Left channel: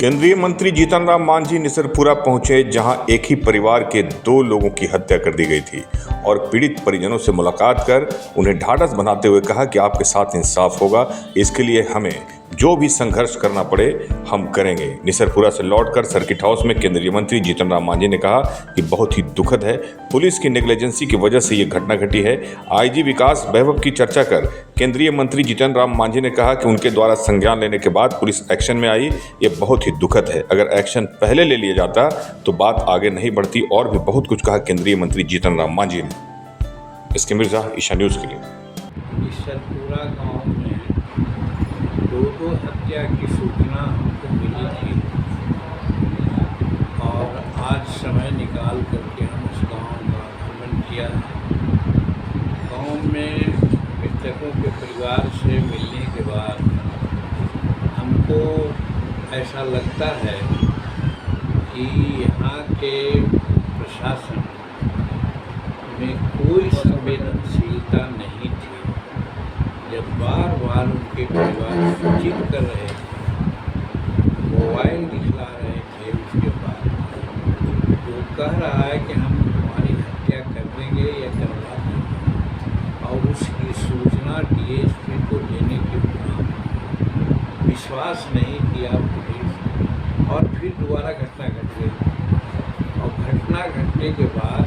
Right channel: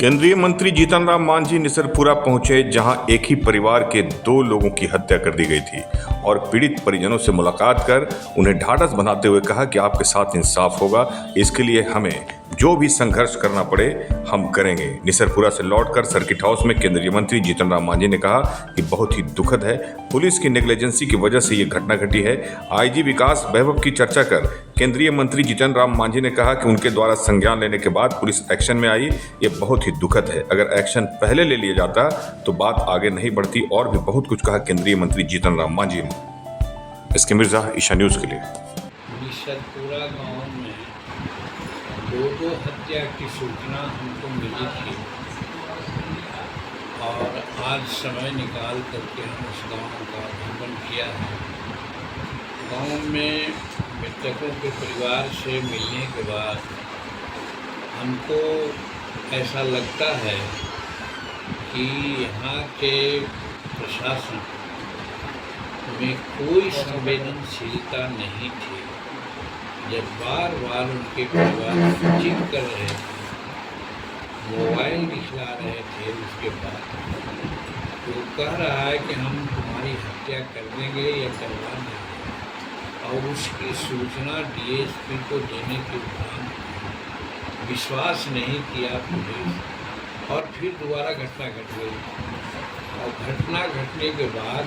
केंद्रीय मंत्री जीतन राम मांझी निसरपुरा पहुंचे, जहां एक ही परिवार के 2 लोगों की हत्या कर दी गई थी और पीड़ित परिजनों से मुलाकात कर उन्हें ढाढ़स बंधाते हुए कहा कि आपके साथ इंसाफ होगा। इसके लिए हमें जो भी संघर्ष करना पड़े हम करेंगे। निसरपुरा से लौटकर सर्किट हाउस में केंद्रीय मंत्री जीतन राम मांझी ने कहा कि बहुत ही दुखद है, पुलिस की नेग्लिजेंसी की वजह से ये घटना घटी है। आईजी विकास वैभव की चर्चा कर केंद्रीय मंत्री जीतन राम मांझी ने कहा कि उनके द्वारा संज्ञान लेने के बाद पुलिस एक्शन में आई। ये बहुत ही दुखद है, अगर एक्शन पहले ले लिया जाता तो बात आगे नहीं बढ़ती। और भी बहुत कुछ कहा केंद्रीय मंत्री जीतन राम मांझी ने। इसके मिर्जा ईशा न्यूज के लिए। निसरपुरा गांव में दो हत्या की सूचना हमको मिली थी और आज समय निकाल करके हम उस गांव का भ्रमण किया। गांव में मृतकों के परिवार से मिलने के बाद हमको ऐसा लगता है कि यहाँ के प्रशासन में कोई संवेदनशीलता नहीं थी। जब बार बार उनके परिवार सूचित कर रहे थे, मोबाइल दिखला रहे थे, उसके बाद वो कह रहा है कि हम तुम्हारी हत्या कर देंगे या करवा देंगे और उसकी सूचना डीएसपी को देने के बाद विश्वास नहीं किया पुलिस और फिर दोबारा घटना घट गई। और घटना घटने के बाद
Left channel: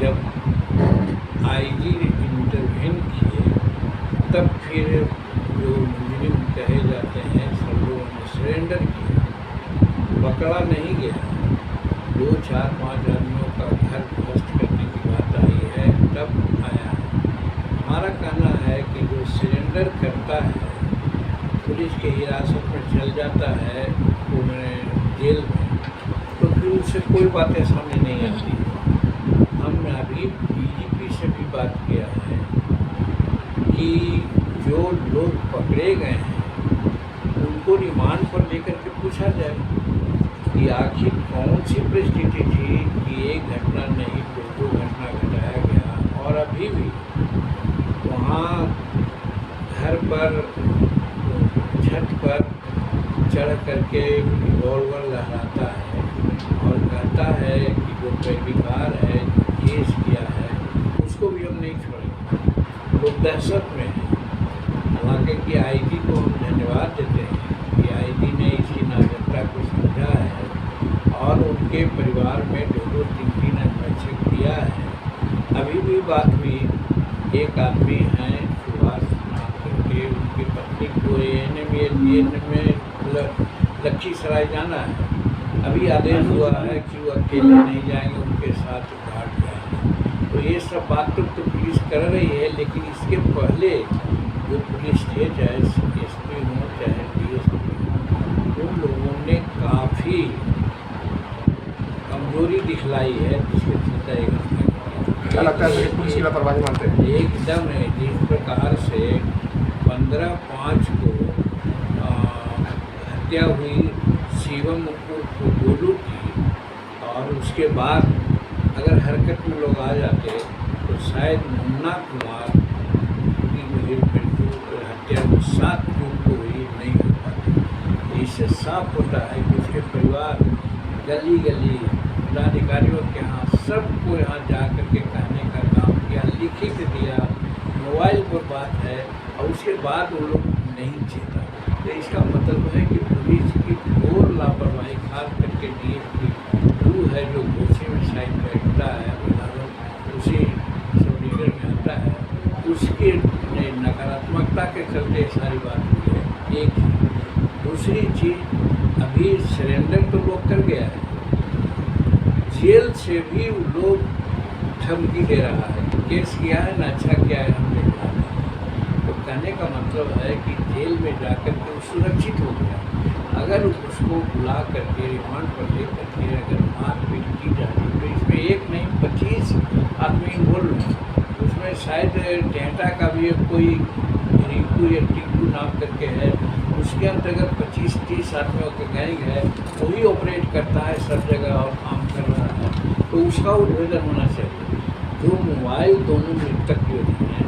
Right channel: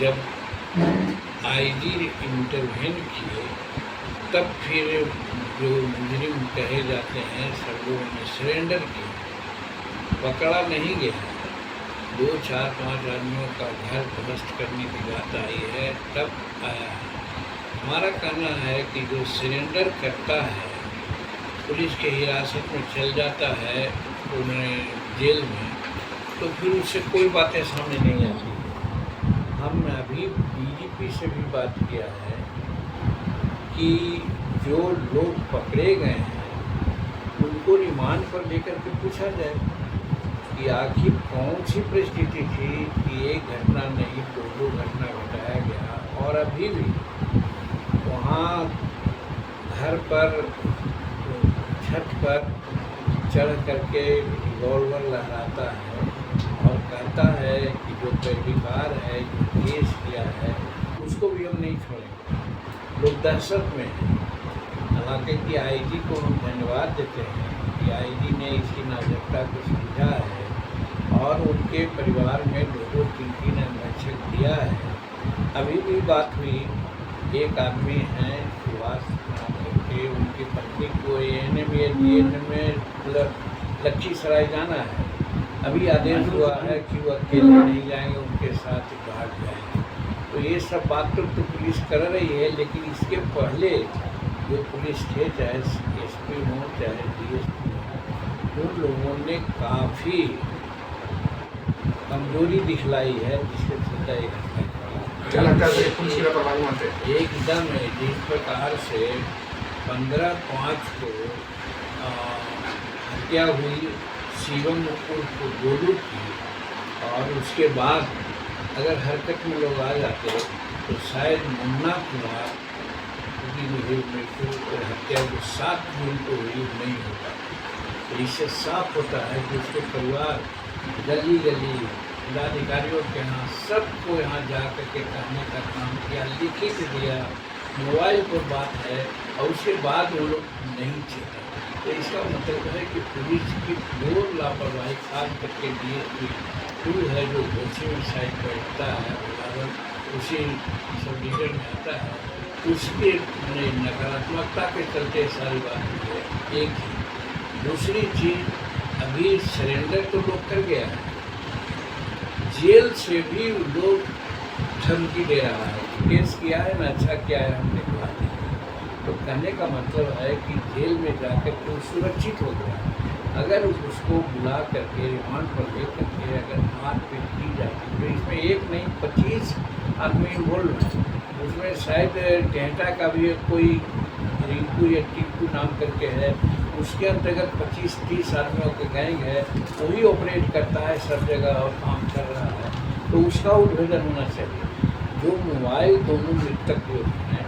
जब आईजी इंटरवेन किए तब फिर जो मुजरिम कहे जाते हैं सब लोगों ने सरेंडर किया। पकड़ा नहीं गया। 2, 4, 5 आदमियों का घर ध्वस्त करने की बात आई है, तब आया है। हमारा कहना है कि जो सरेंडर करता है, पुलिस की हिरासत में चल जाता है उन्हें जेल में, तो फिर उससे कोई बातें सामने नहीं आती है। हमने अभी डीजीपी से भी बात किया है कि जो लोग पकड़े गए हैं उनको रिमांड पर लेकर के पूछा जाए कि आखिर कौन सी परिस्थिति थी कि एक घटना नहीं 2 घटना घटाया गया और अभी भी वहाँ घर पर छत पर चढ़ करके रिवॉल्वर लहराता है और कहता है कि जो पैरविकार है, जो केस किया है, उसको भी हम नहीं छोड़ेंगे। लोग दहशत में हैं। हालांकि कि आईजी को हम धन्यवाद देते हैं कि आईजी ने इसकी नाजुकता को समझा है और उनके परिवार में 2, 3 अंगरक्षक दिया है। अभी भी बात हुई, एक आदमी हैं सुभाष नाम करके, उनकी पत्नी को एएनएम या जीएनएम में लखीसराय जाना है। अभी आदेश हुआ है कि वो अकेले नहीं जाएंगे, उनके साथ गार्ड जाएंगे। तो ये सब बात तो पुलिस कर रही है, लेकिन इसके पहले जो पुलिस थे, चाहे एसपी हो चाहे डीएसपी हो, उन लोगों ने काफ़ी कमजोरी दिखलाई है, जिसके चलते एकदम जिस प्रकार से 15/5 को हत्या हुई शिवम उर्फ गोलू की, और उसके बाद अगर हरकत में लोग आ जाते तो शायद मुन्ना कुमार की मृत्यु और हत्या को 7 जून को हुई नहीं हो पाती। तो इससे साफ होता है कि उसके परिवार गली गली जिलाधिकारियों के यहाँ सबको यहाँ जा कर के कहने का काम किया, लिखित दिया, मोबाइल पर बात है और उसके बाद वो लोग नहीं चेता। तो इसका मतलब है कि पुलिस की घोर लापरवाही, खास करके डीएसपी है जो दोषी में साइड बैठता है, उसी सब लीडर में आता है, उसके नकारात्मकता के चलते सारी बात हुई है। एक दूसरी चीज़, अभी सरेंडर तो लोग कर गया है, जेल से भी लोग धमकी दे रहा है कि केस किया है ना, अच्छा किया है, हम दिखवा दें। तो कहने का मतलब है कि जेल में जाकर के वो सुरक्षित हो गया। अगर उसको बुला करके रिमांड पर ले करके अगर मारपीट की जाती तो इसमें एक नहीं 25 आदमी इन्वॉल्व हैं। उसमें शायद टेहटा का भी कोई रिंकू या टिंकू नाम करके है, उसके अंतर्गत 25-30 आदमियों के गैंग है, वही ऑपरेट करता है सब जगह और काम कर रहा है। तो उसका उद्भेदन होना चाहिए। जो मोबाइल दोनों मृतक जो हैं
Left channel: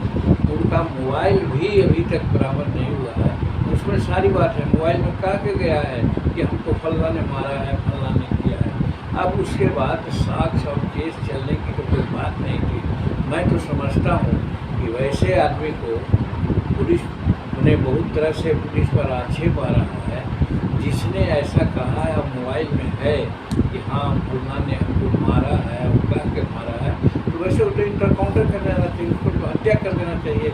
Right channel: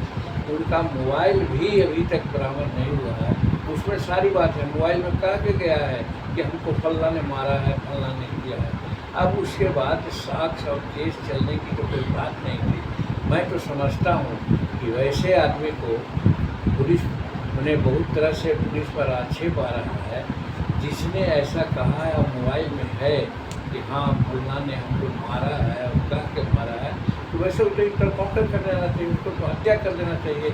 उनका मोबाइल भी अभी तक बरामद नहीं हुआ है। उसमें सारी बात है, मोबाइल में कह के गया है कि हमको फल्ला ने मारा है, फल्ला ने किया है। अब उसके बाद साक्ष्य और केस चलने की तो कोई बात नहीं थी। मैं तो समझता हूँ कि वैसे आदमी को पुलिस ने बहुत तरह से पुलिस पर आक्षेप आ रहा है, जिसने ऐसा कहा है, मोबाइल में है कि हाँ फल्ला ने हमको मारा है और कह के मारा है, तो वैसे वो तो इंटरकाउंटर कर देना चाहिए, उसको तो हत्या कर देना चाहिए।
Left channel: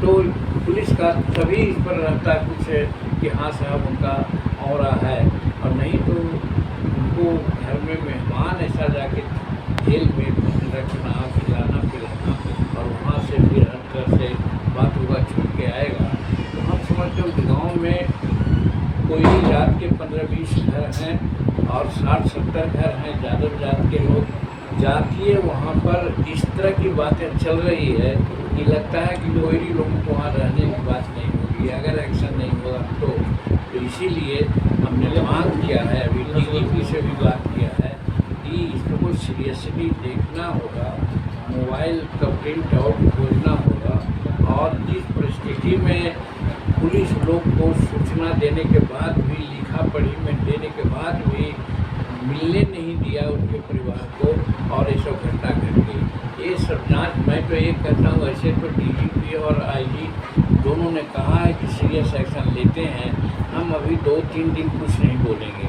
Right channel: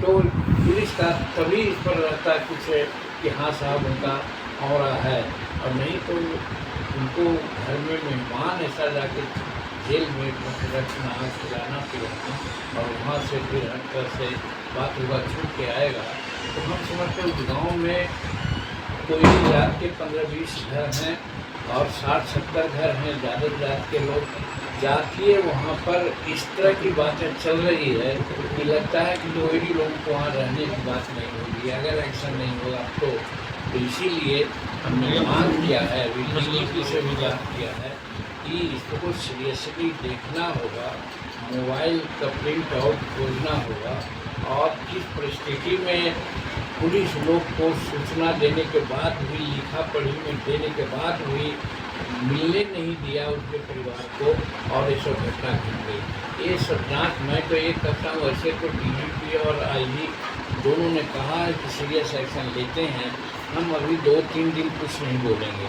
तो पुलिस का तभी इस पर रहता है कुछ कि हाँ साहब उनका और है, और नहीं तो उनको घर में मेहमान ऐसा जाके जेल में रखना, खिलाना पिलाना और वहाँ से फिर हट कर से बात हुआ छूट के आएगा। तो हम समझते हैं गाँव में कोई जात के 15-20 घर हैं और 60-70 घर हैं, ज़्यादा जात के लोग जातीय वहाँ पर इस तरह की बातें चल रही है कि लगता है कि लोहड़ी लोगों को वहाँ रहने की बात नहीं होगी अगर एक्शन नहीं होगा तो इसीलिए हमने मांग किया है, अभी डीजीपी से भी बात किया है कि इसको सीरियसली देखना होगा, मोबाइल का प्रिंट आउट खोजना होगा और जिस परिस्थिति में पुलिस लोग को सूचना देने के बाद भी, लिखा पढ़ी में देने के बाद भी मिलने नहीं दिया उनके परिवार को और ये सब घटना घट गई। ये सब जाँच मैं तो ये कहता हूँ, ऐसे तो डीजीपी और आईजी दोनों ने कहा है कि सीरियस एक्शन लेते हैं। हम अभी 2-3 दिन कुछ नहीं बोलेंगे,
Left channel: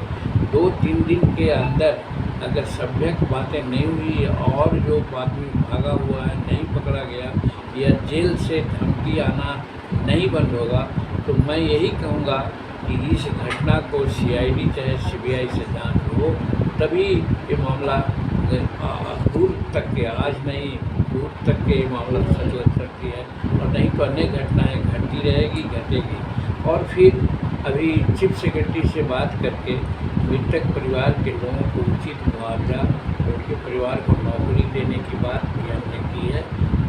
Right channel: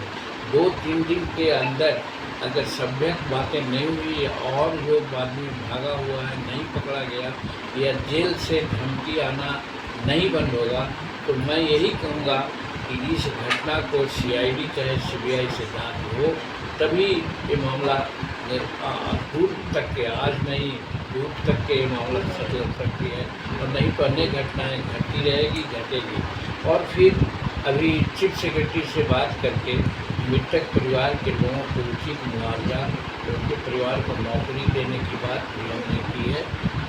2-3 दिन के अंदर अगर सभ्यक बातें नहीं हुई और जो आदमी भागा हुआ है नहीं पकड़ा गया या जेल से धमकी आना नहीं बंद होगा, तो मैं यही कहूँगा कि इस घटना को सीआईडी चाहे सीबीआई से जांच हो, तभी ये मामला दूर तक के, आज नहीं दूर तक के मामला सच हो सकती है, और नहीं तो अन्य घटनाएँ घटती रहेगी, घटेगी। और फिर अभी चीफ सेक्रेटरी से बात करके मृतक परिवार के लोगों को उचित मुआवजा, उनके परिवार को नौकरी देने की बात भी हमने की है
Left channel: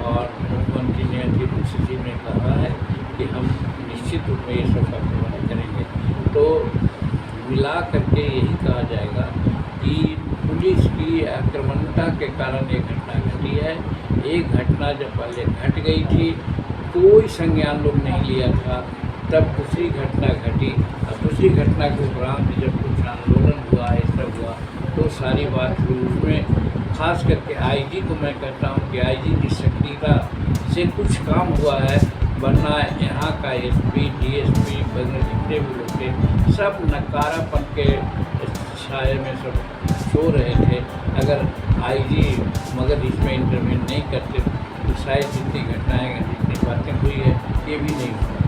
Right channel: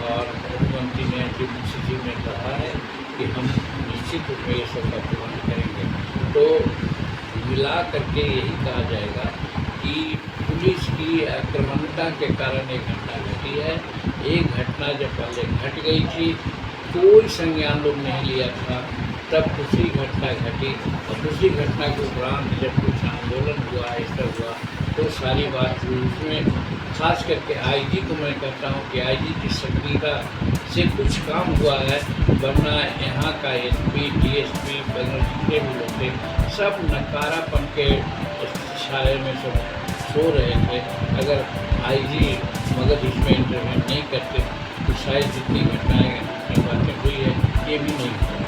और मुख्यमंत्री ने डिप्टी सचिव ने कहा है कि हम निश्चित रूप में ये सब का प्रबंध करेंगे। तो मिला करके यही कहा जाएगा कि पुलिस की आक्रामकता के कारण ये घटना घटी है। एक घटना जब पहले घट गई थी, कोई संज्ञान लोग नहीं लिया था, तब दूसरी घटना घटी और दूसरी घटना के उपरांत जब कुछ आंदोलन हुआ, ऐसा हुआ तो सारी बात हुई। उसमें खास करके आईजी को मैं कहता हूँ कि आईजी की सक्रियता से कुछ काम हुआ है, वरना यहाँ का एसपी, डीएसपी वगैरह जितने भी लोग थे सब नकारापन के छाए में सब सो रहे थे। अगर आईजी मगर इसमें इंटरवेन नहीं करते तो शायद जितनी घटनाएँ, जितनी बातें हुई है ये भी नहीं हुआ।